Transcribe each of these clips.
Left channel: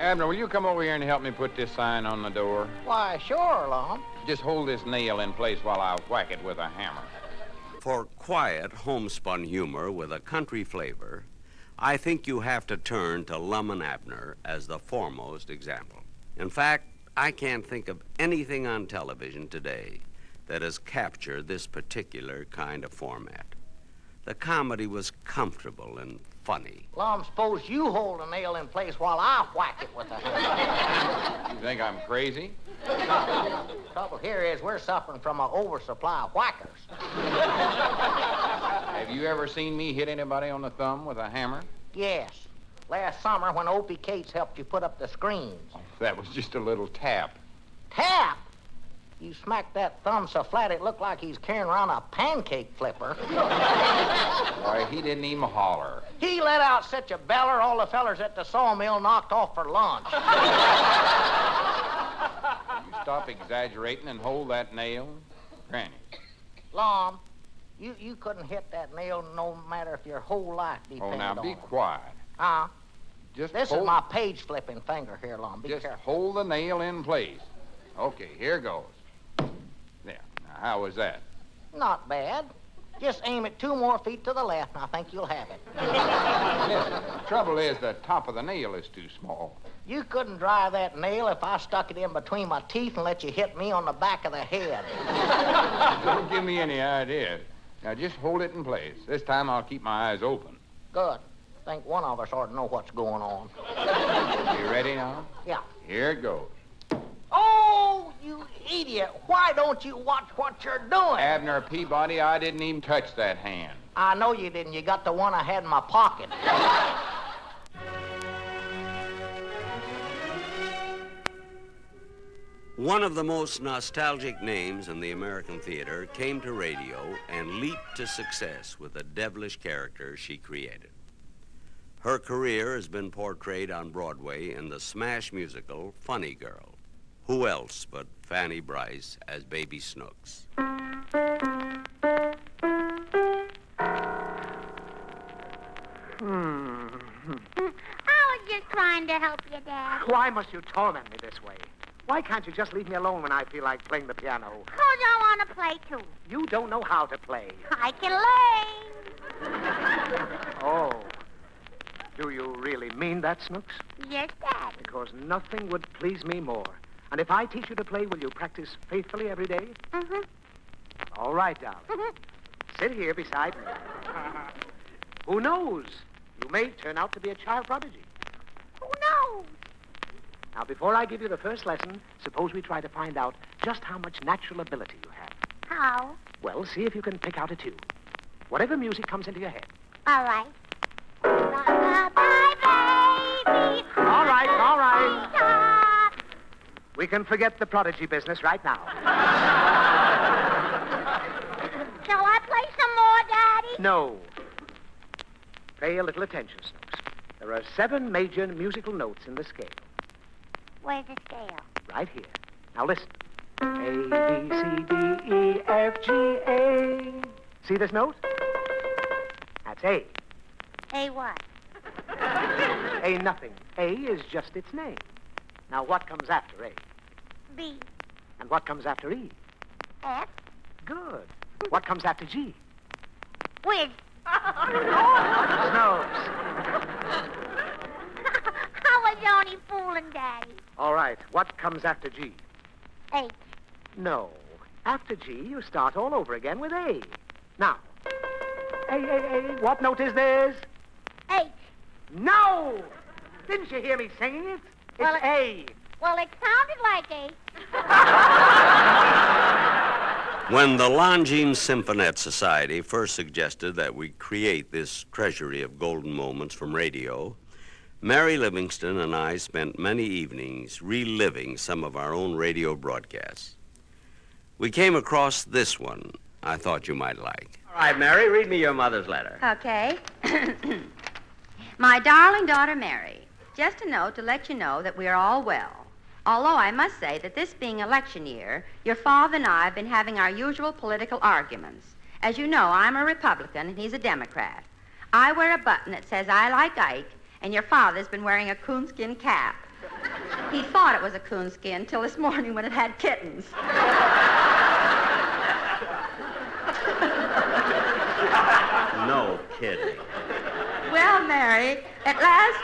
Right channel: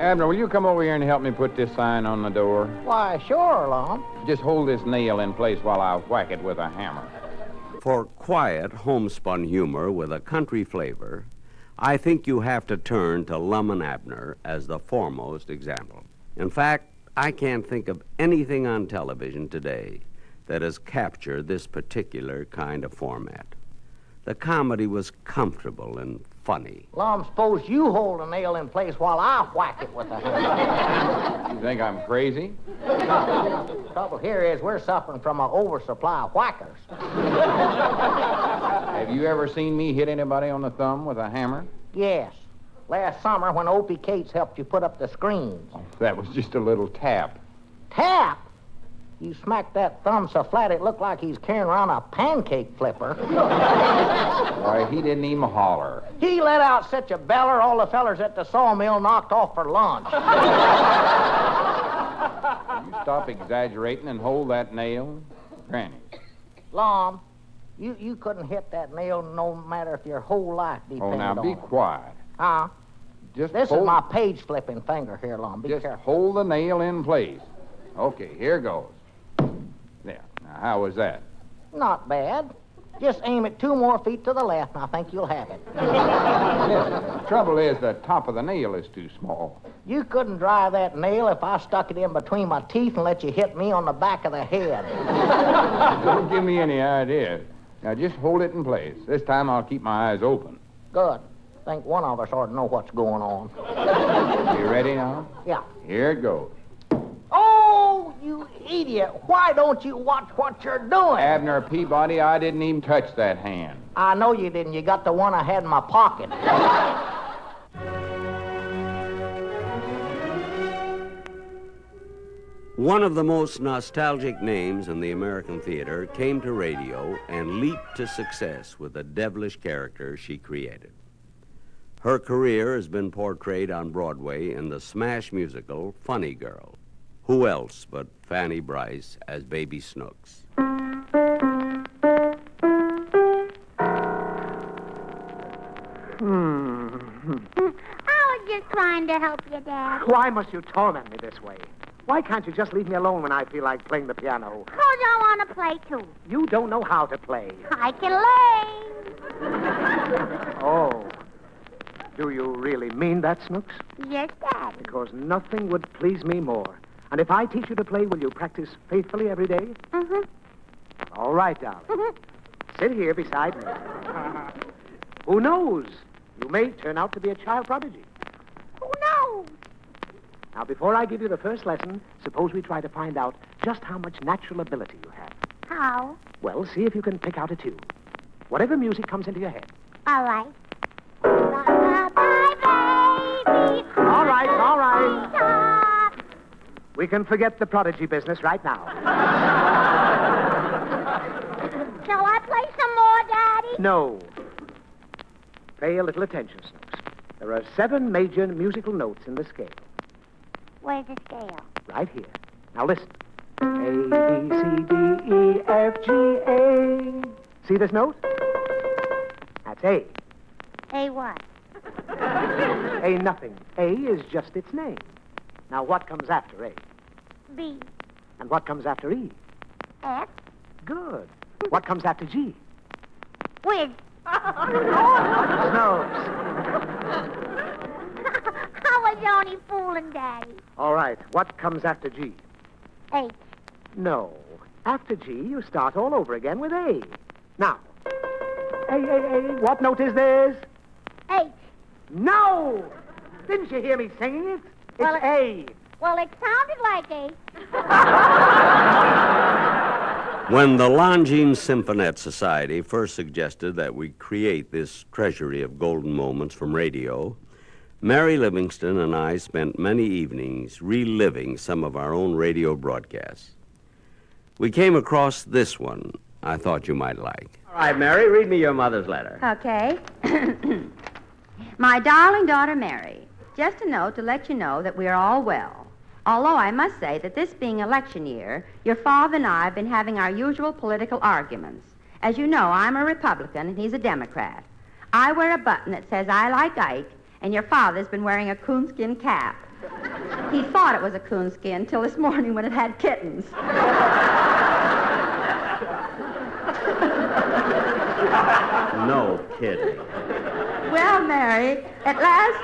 Abner, will you come over here and help me put this sign on the door? Why, sure, Lom. Just hold this nail in place while I whack it with a hammer. For quiet, homespun humor with a country flavor, I think you have to turn to Lum and Abner as the foremost example. In fact, I can't think of anything on television today that has captured this particular kind of format. The comedy was comfortable and funny. Lom, suppose you hold a nail in place while I whack it with a hammer. You think I'm crazy? Trouble here is we're suffering from an oversupply of whackers. Have you ever seen me hit anybody on the thumb with a hammer? Yes. Last summer when Opie Cates helped you put up the screens. That was just a little tap. Tap? You smacked that thumb so flat it looked like he's carrying around a pancake flipper. Why, he didn't even holler. He let out such a beller all the fellers at the sawmill knocked off for lunch. You stop exaggerating and hold that nail, Granny. Lom, you couldn't hit that nail no matter if your whole life depended on it. Oh, now be quiet. Huh? Just This hold... is my page-flipping finger here, Lom. Be Just careful. hold the nail in place. Okay, here goes. There. Now, how was that? Not bad. Just aim it 2 more feet to the left, and I think you'll have it. Listen, the trouble is the top of the nail is too small. You couldn't drive that nail if I stuck it in between my teeth and let you hit me on the back of the head. Don't give me any ideas. Now, just hold it in place. This time I'll keep my eyes open. Good. Think one of us ought to know what's going on. You ready now? Yeah. Here it goes. Oh, you idiot. Why don't you watch what you're doing? Abner Peabody, I didn't even touch that hand. I know you didn't. You got the one I had in my pocket. One of the most nostalgic names in the American theater came to radio and leaped to success with the devilish character she created. Her career has been portrayed on Broadway in the smash musical Funny Girl. Who else but Fanny Brice as Baby Snooks? I was just trying to help you, Dad. Why must you torment me this way? Why can't you just leave me alone when I feel like playing the piano? 'Cause I want to play, too. You don't know how to play. I can learn. Oh. Do you really mean that, Snooks? Yes, Daddy. Because nothing would please me more. And if I teach you to play, will you practice faithfully every day? Mm-hmm. All right, darling. Sit here beside me. Who knows? You may turn out to be a child prodigy. Who knows? Now, before I give you the first lesson, suppose we try to find out just how much natural ability you have. How? Well, see if you can pick out a tune. Whatever music comes into your head. All right. Bye, baby. All right, all right. Stop. We can forget the prodigy business right now. Shall I play some more, Daddy? No. Pay a little attention, Snooks. There are 7 major musical notes in the scale. Where's the scale? Right here. Now listen. A, B, C, D, E, F, G, A. See this note? That's A. A what? A nothing. A is just its name. Now what comes after A? B. And what comes after E? F. Good. What comes after G? Whiz. Snooks. I was only fooling, Daddy. All right. What comes after G? H. No. After G, you start all over again with A. Now. A. What note is this? H. No! Didn't you hear me singing it? It's Well, A. Well, it sounded like H. When the Longines Symphonette Society first suggested that we create this treasury of golden moments from radio, Mary Livingston and I spent many evenings reliving some of our own radio broadcasts. We came across this one I thought you might like. All right, Mary, read me your mother's letter. Okay. My darling daughter, Mary, just a note to let you know that we are all well. Although I must say that this being election year, your father and I have been having our usual political arguments. As you know, I'm a Republican and he's a Democrat. I wear a button that says I like Ike, and your father's been wearing a coonskin cap. He thought it was a coonskin till this morning when it had kittens. No kidding. Well, Mary, at last...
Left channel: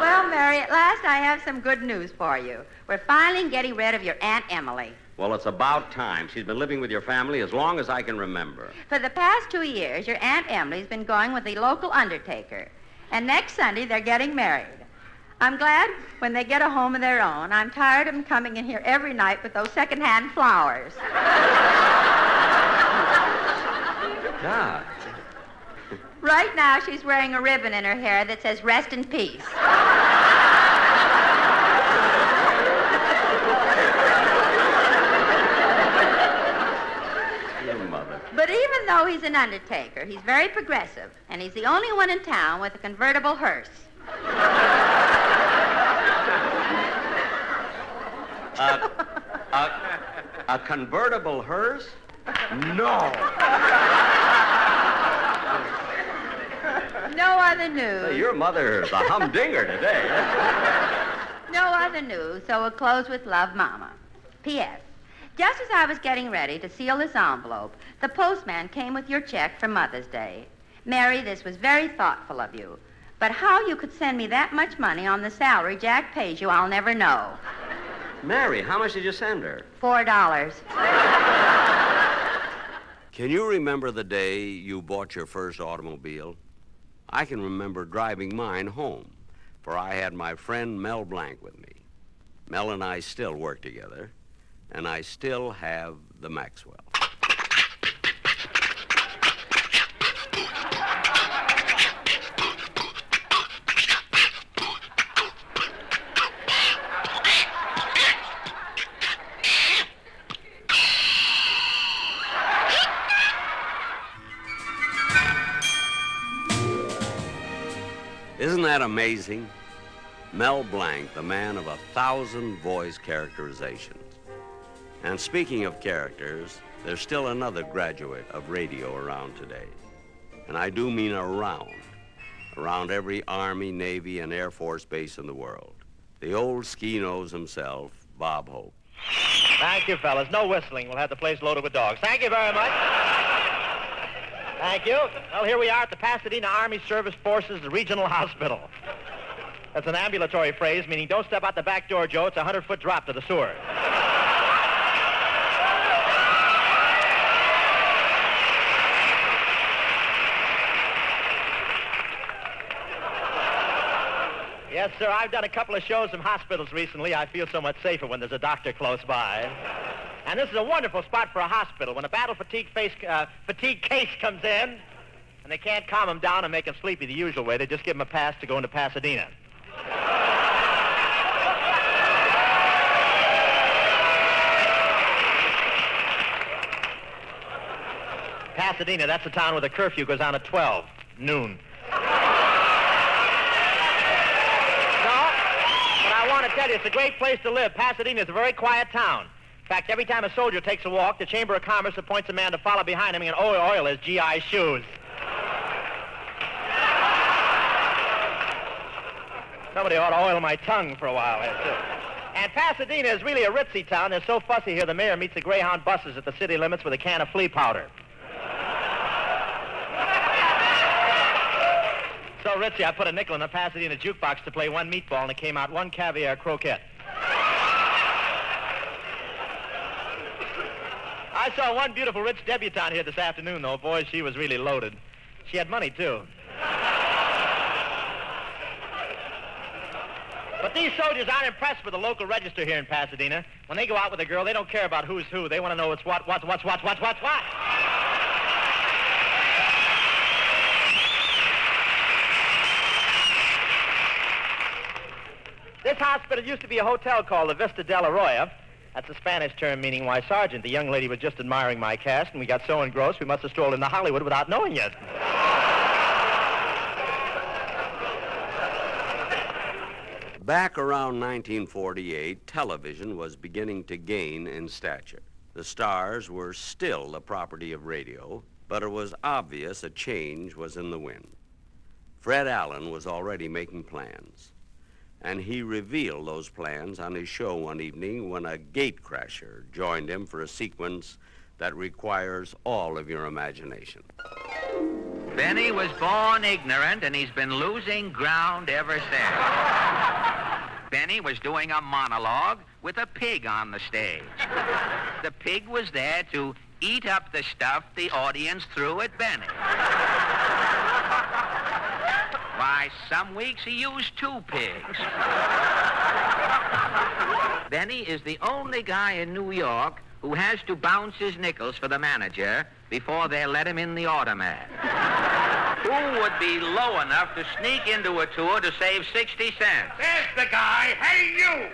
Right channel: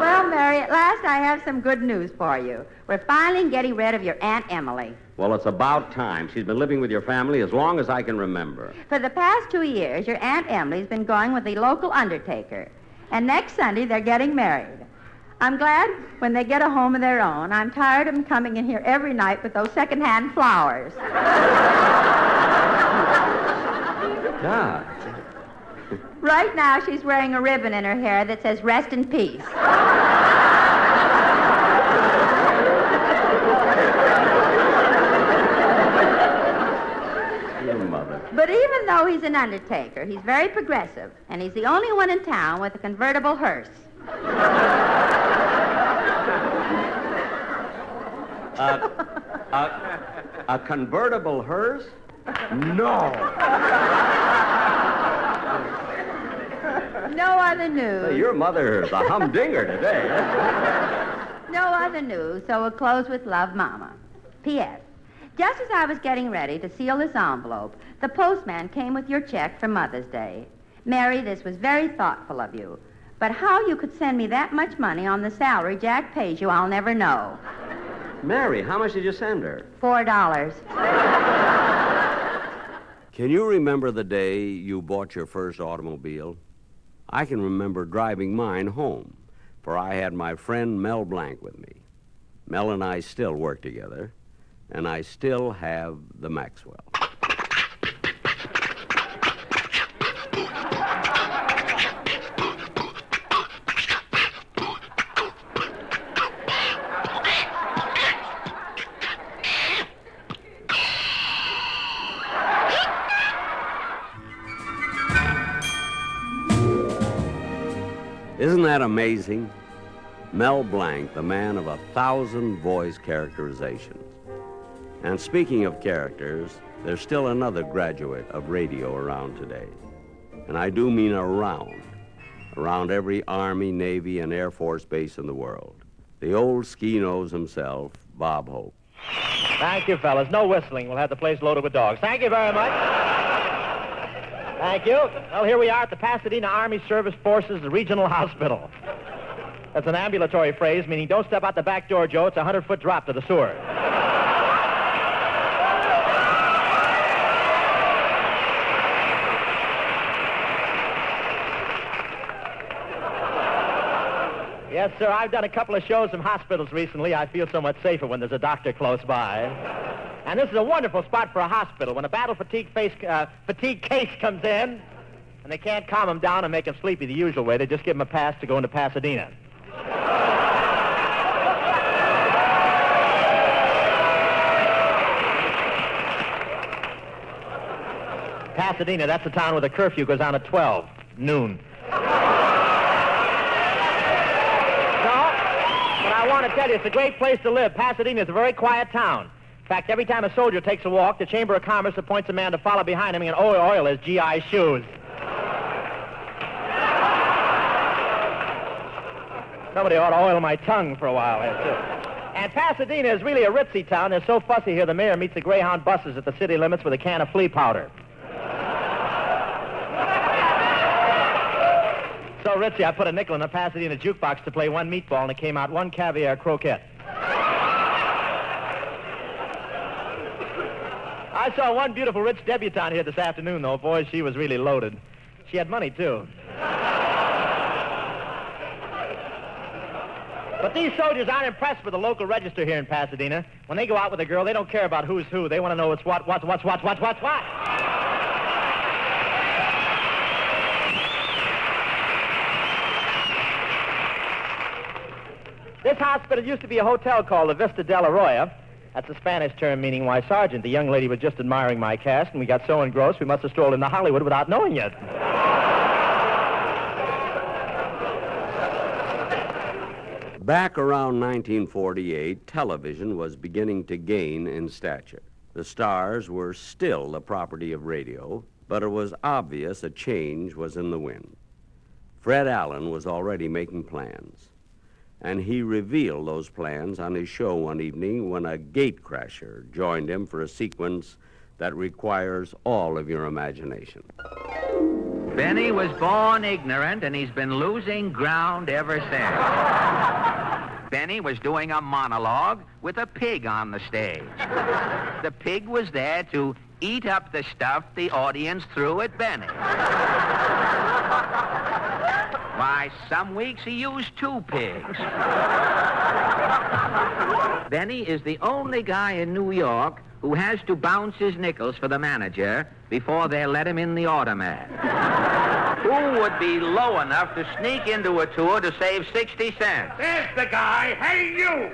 Well, Mary, at last I have some good news for you. We're finally getting rid of your Aunt Emily. Well, it's about time. She's been living with your family as long as I can remember. For the past 2 years, your Aunt Emily's been going with the local undertaker. And next Sunday, they're getting married. I'm glad when they get a home of their own. I'm tired of them coming in here every night with those second-hand flowers. God. Right now, she's wearing a ribbon in her hair that says, "Rest in peace." Your mother. But even though he's an undertaker, he's very progressive, and he's the only one in town with a convertible hearse. A convertible hearse? No. No other news. Say, your mother's a humdinger today. No other news, so we'll close with love, Mama. P.S. Just as I was getting ready to seal this envelope, the postman came with your check for Mother's Day. Mary, this was very thoughtful of you. But how you could send me that much money on the salary Jack pays you, I'll never know. Mary, how much did you send her? $4. Can you remember the day you bought your first automobile? I can remember driving mine home, for I had my friend Mel Blanc with me. Mel and I still work together, and I still have the Maxwell. Isn't that amazing? Mel Blanc, the man of 1,000 voice characterizations. And speaking of characters, there's still another graduate of radio around today. And I do mean around every Army, Navy, and Air Force base in the world. The old ski-nose himself, Bob Hope. Thank you, fellas. No whistling. We'll have the place loaded with dogs. Thank you very much. Thank you. Well, here we are at the Pasadena Army Service Forces Regional Hospital. That's an ambulatory phrase meaning don't step out the back door, Joe. It's a 100-foot drop to the sewer. Yes, sir. I've done a couple of shows in hospitals recently. I feel so much safer when there's a doctor close by. And this is a wonderful spot for a hospital. When a battle fatigue case comes in, and they can't calm him down and make him sleepy the usual way, they just give him a pass to go into Pasadena. Pasadena, that's the town where the curfew goes on at 12 noon. No, but I want to tell you, it's a great place to live. Pasadena is a very quiet town. In fact, every time a soldier takes a walk, the Chamber of Commerce appoints a man to follow behind him and oil his GI shoes. Somebody ought to oil my tongue for a while here, too. And Pasadena is really a ritzy town. They're so fussy here, the mayor meets the Greyhound buses at the city limits with a can of flea powder. So ritzy, I put a nickel in the Pasadena jukebox to play one meatball, and it came out one caviar croquette. I saw one beautiful rich debutante here this afternoon, though. Boy, she was really loaded. She had money, too. But these soldiers aren't impressed with the local register here in Pasadena. When they go out with a girl, they don't care about who's who. They want to know it's what. This hospital used to be a hotel called the Vista del Arroyo. That's a Spanish term meaning, why, Sergeant, the young lady was just admiring my cast, and we got so engrossed we must have strolled into Hollywood without knowing it. Back around 1948, television was beginning to gain in stature. The stars were still the property of radio, but it was obvious a change was in the wind. Fred Allen was already making plans. And he revealed those plans on his show one evening when a gatecrasher joined him for a sequence that requires all of your imagination. Benny was born ignorant, and he's been losing ground ever since. Benny was doing a monologue with a pig on the stage. The pig was there to eat up the stuff the audience threw at Benny. Why, some weeks he used 2 pigs. Benny is the only guy in New York who has to bounce his nickels for the manager before they let him in the automat. Who would be low enough to sneak into a tour to save 60 cents? There's the guy. Hey, you!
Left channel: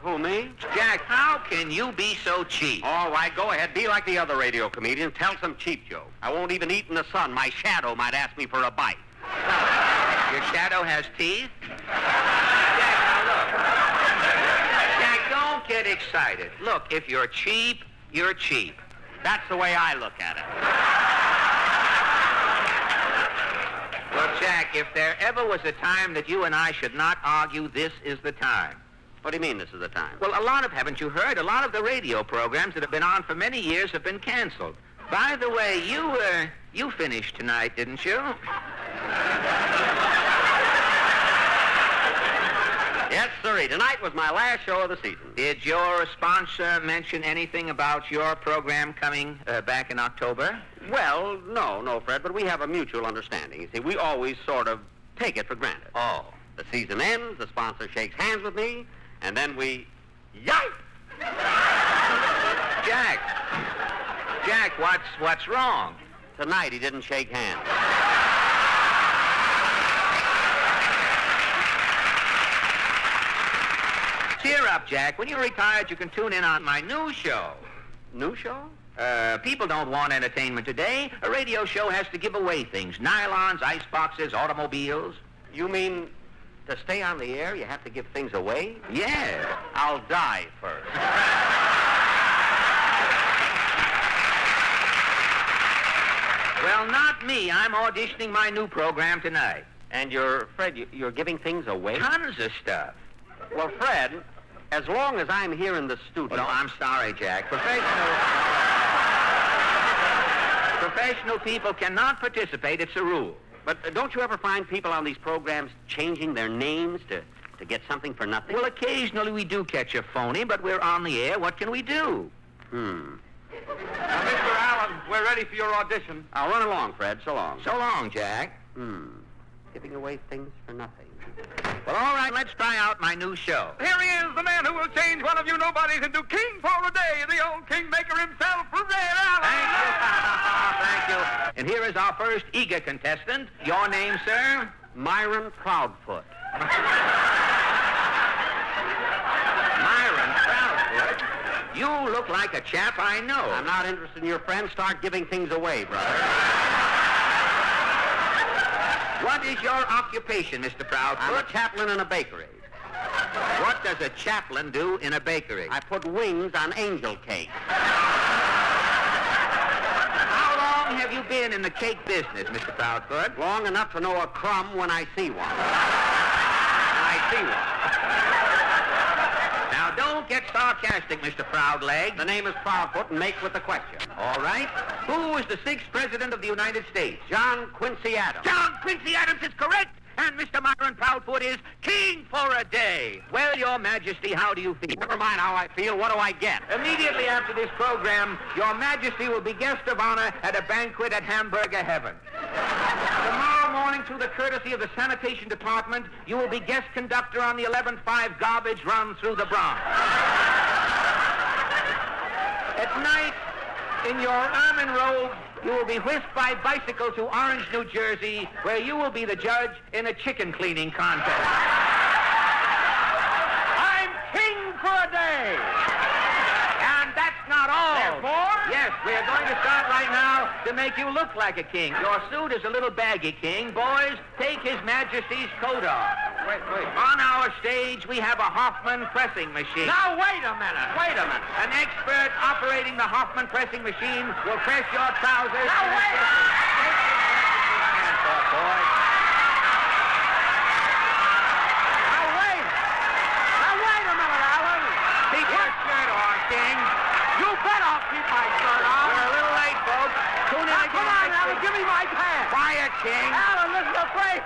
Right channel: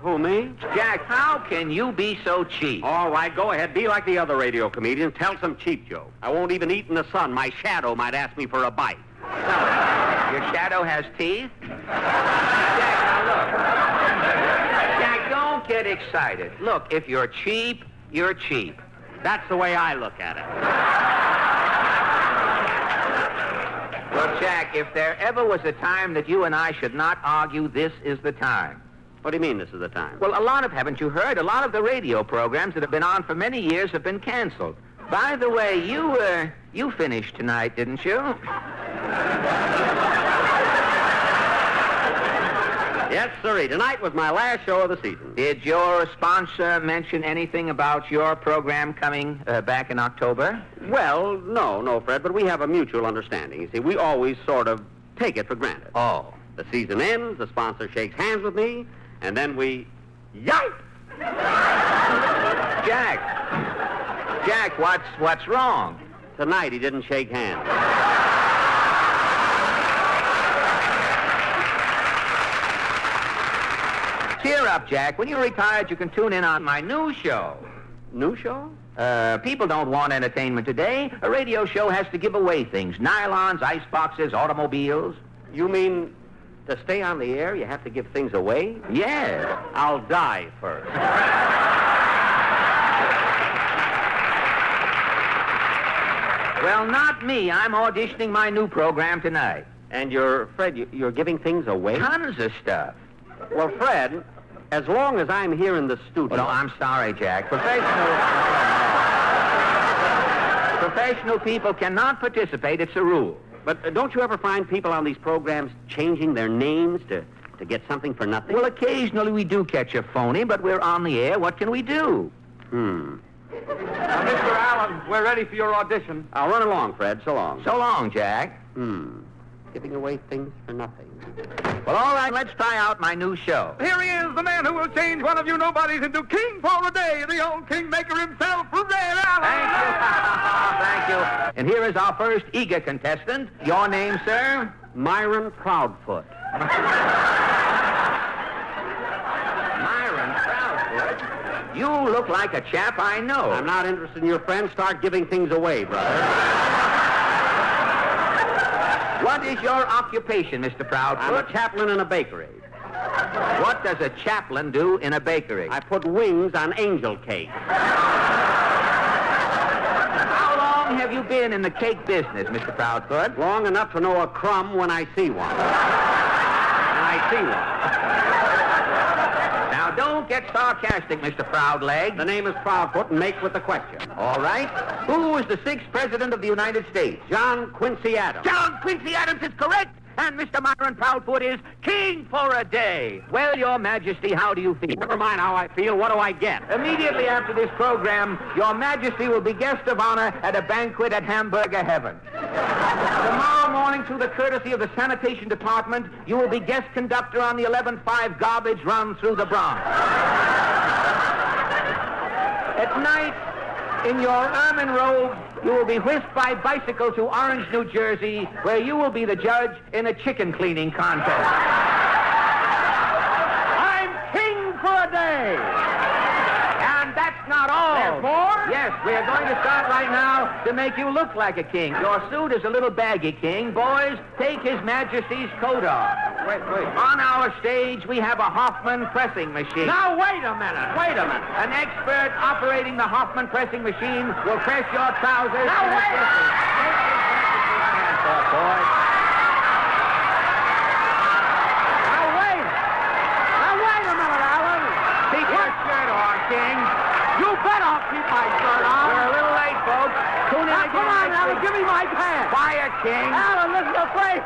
Who, me? Jack, how can you be so cheap? All right, go ahead. Be like the other radio comedians. Tell some cheap joke. I won't even eat in the sun. My shadow might ask me for a bite. Your shadow has teeth? Jack, now look. Jack, don't get excited. Look, if you're cheap, you're cheap. That's the way I look at it. Well, Jack, if there ever was a time that you and I should not argue, this is the time. What do you mean this is the time? Well, haven't you heard? A lot of the radio programs that have been on for many years have been canceled. By the way, you finished tonight, didn't you? Yes, sirree. Tonight was my last show of the season. Did your sponsor mention anything about your program coming back in October? Well, no, Fred, but we have a mutual understanding. You see, we always sort of take it for granted. Oh. The season ends, the sponsor shakes hands with me, and then we... Yipe! Jack, what's wrong? Tonight he didn't shake hands. Cheer up, Jack. When you're retired, you can tune in on my new show. New show? People don't want entertainment today. A radio show has to give away things. Nylons, ice boxes, automobiles. You mean to stay on the air, you have to give things away? Yeah. I'll die first. Well, not me. I'm auditioning my new program tonight. And you're giving things away? Tons of stuff. Well, Fred, as long as I'm here in the studio... Well, no, I'm sorry, Jack. Professional people cannot participate. It's a rule. But don't you ever find people on these programs changing their names to get something for nothing? Well, occasionally we do catch a phony, but we're on the air. What can we do? Mr. Allen, we're ready for your audition. I'll run along, Fred. So long. So long, Jack. Giving away things for nothing. Well, all right, let's try out my new show. Here he is, the man who will change one of you nobodies into king for a day, the old kingmaker himself, Red Allen. Thank you. Thank you. And here is our first eager contestant. Your name, sir? Myron Proudfoot. Myron Proudfoot? You look like a chap I know. I'm not interested in your friends. Start giving things away, brother. What is your occupation, Mr. Proudfoot? I'm a chaplain in a bakery. What does a chaplain do in a bakery? I put wings on angel cake. How long have you been in the cake business, Mr. Proudfoot? Long enough to know a crumb when I see one. I see one. Now, don't get sarcastic, Mr. Proudleg. The name is Proudfoot, and make with the question. All right. Who was the 6th President of the United States? John Quincy Adams. John Quincy Adams is correct. And Mr. Myron Proudfoot is king for a day. Well, Your Majesty, how do you feel? Never mind how I feel. What do I get? Immediately after this program, Your Majesty will be guest of honor at a banquet at Hamburger Heaven. Tomorrow morning, through the courtesy of the Sanitation Department, you will be guest conductor on the 11.5 garbage run through the Bronx. At night, in your ermine robe, you will be whisked by bicycle to Orange, New Jersey, where you will be the judge in a chicken cleaning contest. I'm king for a day. And that's not all. There's more? Yes, we are going to start right now to make you look like a king. Your suit is a little baggy, King. Boys, take His Majesty's coat off. Wait. On our stage, we have a Hoffman pressing machine. Now, wait a minute. An expert operating the Hoffman pressing machine will press your trousers. Now, wait a minute. Now, wait. I'll keep my shirt on. We're a little late, folks. Tune in again. Come on, next Alan, week. give me my pants. Quiet, King. Alan, this is a place.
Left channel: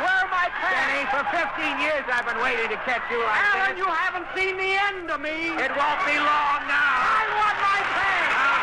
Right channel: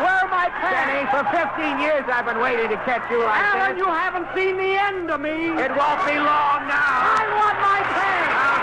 Where are my Benny, pants? for 15 years I've been waiting to catch you like Alan, this. you haven't seen the end of me. It won't be long now. I want my pants.